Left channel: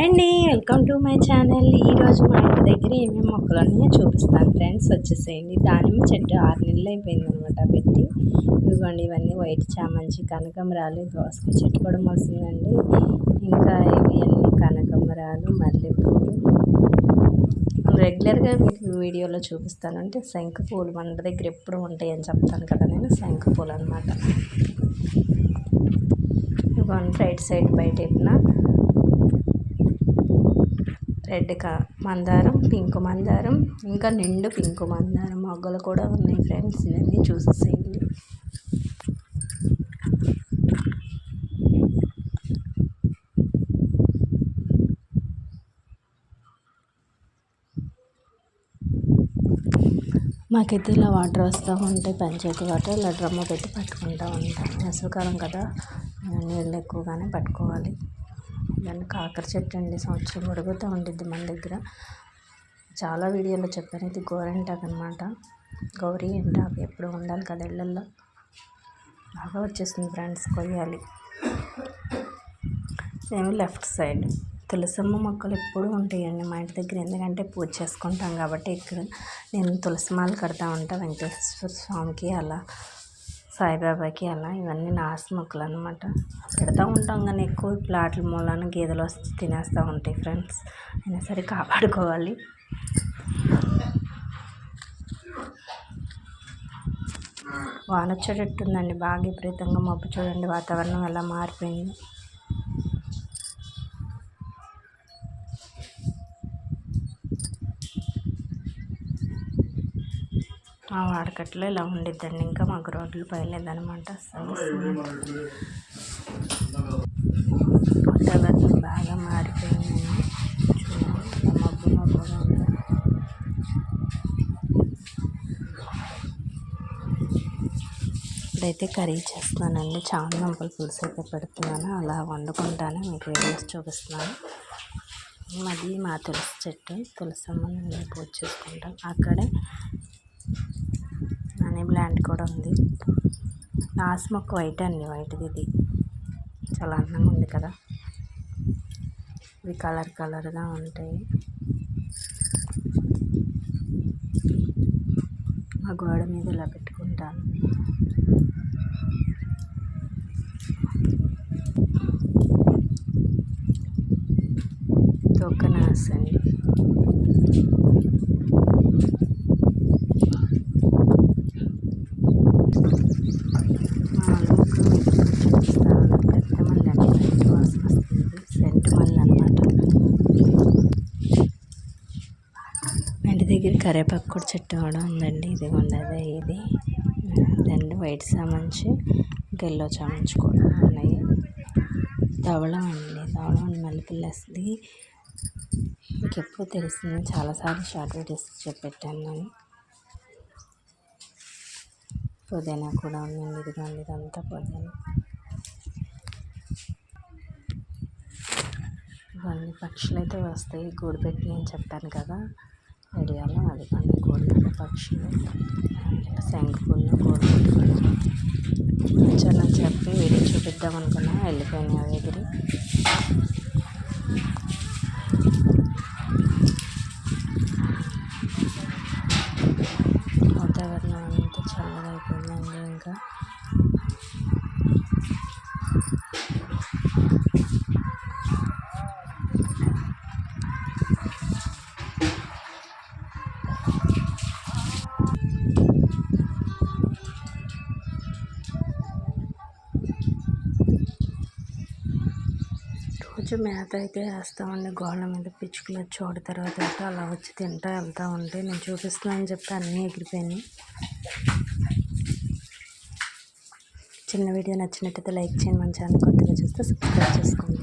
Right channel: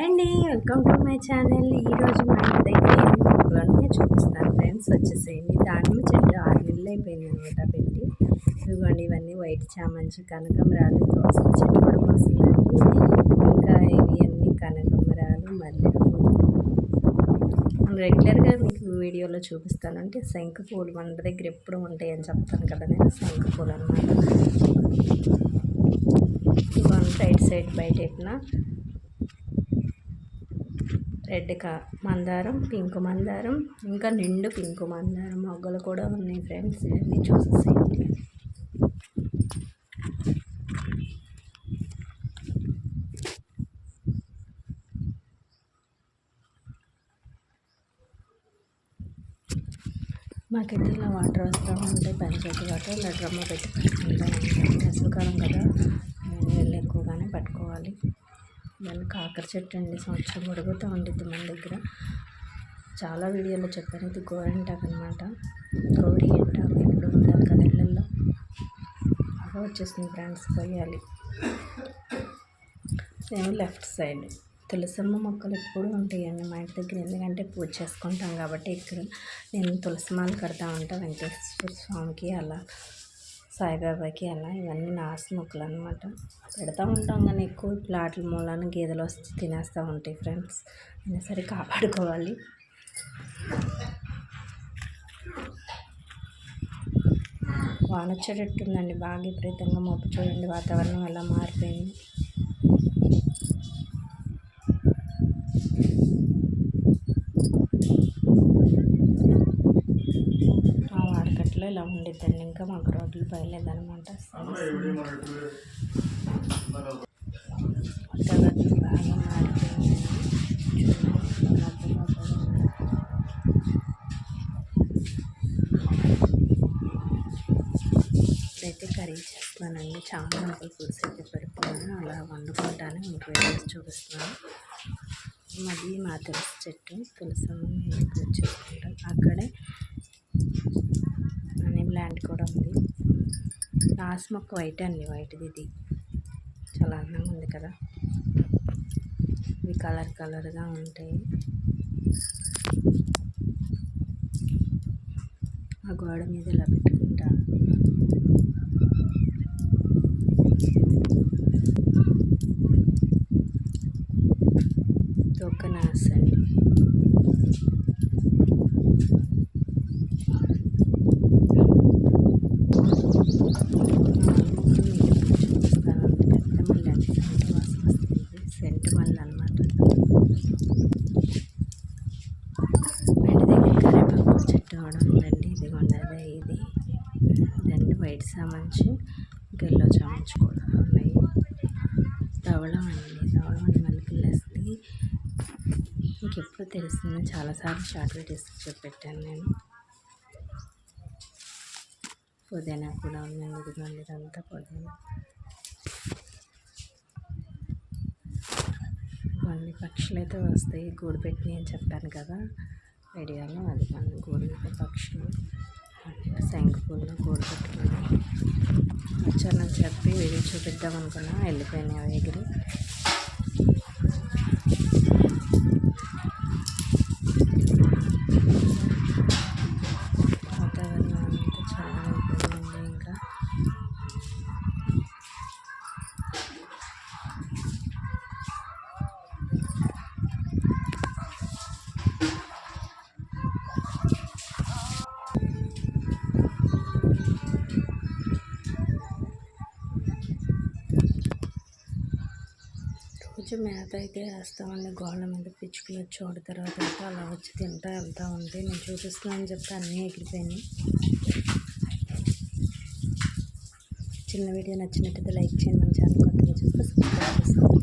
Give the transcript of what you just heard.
అండి welcome to my channel. ఈరోజు మా ఇంటి దగ్గర ఎన్ని మొక్కలు చూపిస్తాను ఫ్రెండ్స్. వచ్చేసేయండి. దానిమ్మ చెట్టు ఆరు నెలలు అయిపోయింది అనమాట పెట్టి. ఇదిగోండి ఇవన్నీ వైట్ చామంచి కనకమరాలు కోసం చెట్టు కూడా వస్తుందండి ఇంకా ఇవి అన్ని కనకమరాలు మళ్ళీ రెగ్యులర్గా మీకు వీడియోలో చూపిస్తాను. అంటే శంఖ పూలు మన దగ్గర ఎప్పుడు ఉంటాయని చెప్తాను కదా నేను. శంఖ పూలు అనమాట ఇవన్నీ రైట్ సైడ్ బయట రెడ్ కా మందారం పింక్ మందారం ఇంకా నిండు పింక్ మందారం. మొగ్గలు కూడా ఉన్నాయి ఫ్రెండ్స్ ఇవన్నీ చూసేసేయండి. మాకైతే ఇలా వాటర్ వస్తూ ఉంటే పంచాయతీ వాటర్ ఇలా డ్రమ్ము పెట్టి పట్టుకుంటూ ఉంటాం వేసవికాలం కదా నీళ్ళు ఎక్కువగానే పట్టుకోవాలి. దాన్ని కాకర చెట్టు అండి. సంవత్సరం పొడుగుతూ ఉండిద్ది మన దగ్గర. చాలా వీడియోలో చెప్పాను. ఇది గోరింటాకు అనమాట గౌరీ ఎంటాకు ఎప్పుడు ఉండాలి కదా ఇళ్ళల్లో. బాగా వచ్చేసింది ఫ్రెండ్స్ కొయ్యాలి. మేము లెఫ్ట్ సైడ్. తులసమ్మ మొక్కలు ఎప్పుడు ఉంటాయండి మా ఇంటి దగ్గర. ఎందుకంటే పూజ చేసుకుంటాం కాబట్టి ఇక్కడ. నేను తులసి మాలు కడతా ఉంటాను వెంకటేశ్వర స్వామికి అలా. సాయిబాబాకి అలా ఇవన్నీ నాసు మొక్కలు అనమాట పెడతా ఉంటాం కానీ ఎక్కువ ప్లాట్ల మూలాన గేదెలు వస్తే తినేస్తూ ఉంటాయి ఫ్రెండ్స్. అయినా సరే కాపాడుకోవాలి. వాన వచ్చేటట్టుందండి బాగా విపరీతంగా మబ్బు చూడండి. వాతావరణం ఎలా మారిపోయింది. మార్కెట్లో ఇలా ఉండిద్దండి. ఇంకా మాకు రోడ్లు పోయలేదనమాట వాతావరణం బాగా మారిపోయిందండి. చూడండి మబ్బు మబ్బుగా ఉంది ఇప్పుడైతే కర్రీ చేస్తున్నానండి. చాలా దుంపల పులుసు అయితే పెడుతున్నాను. అలా వండుకుంటాను. మీకు వీడియోస్ చూపిస్తున్నాను. మాది మా తులసి చెట్టు. తులసమ్మని పూజ చేసుకుంటాం అక్కడే మనీ ప్లాంట్ కూడా ఉంది. నాసు మొక్క వైట్ అండి. వైట్ది ఇది. చాలా అందంగా ఉంది కదా. ఇవి కలర్ కలర్గా ఉంటాయి. ఆ గోడ మీద ఇలా పెట్టుకుంటాను తొక్కనాస్ అండి చెట్టు కూడా ఉందండి ఇదిగోండి అదే ఇది. రెండు వైట్ చామంచి గెల్లో చామంచి కూడా ఉన్నాయి. ధవళం అండి ధవళం అండి మల్లెపిల్ల మీకు ఎప్పుడు తెలుస్తుంది చాలాసార్లు షార్ట్ వీడియోస్ పెట్టాను నేను. పుదీనా కూడా ఉందండి ఇదిగోండి ఇదంతా పుదీనా. ఇవన్నీ పక్షులు అయితే వస్తాయి గూడు పెట్టినాయి అని చెప్పాను కదా. ఐడియాలో అది కానీ కోడిగుడ్ల పక్షులు శంఖపూల్లో కోడి పెట్టుకుని వచ్చానని చెప్పి వీడియో చూపిద్దాం అనుకున్నా వెళ్ళిపోయినాయి ఎగిరి. కొంచెం మేత అయితే వేస్తామండి. గోళ్ళ మీద పిచ్చుకలు వచ్చి ఒకటి తర్వాత అయితే అలా వచ్చి తింటా వెళ్తూ ఉంటే నేను చూపిస్తున్నానని చెప్పి అన్నీ ఎగిరిపోయినాయి. చిన్న వీడియో నచ్చినట్టయితే లైక్ చేయండి. మన ఛానల్ కొత్తగా చూస్తే సబ్స్క్రైబ్ చేసుకోండి.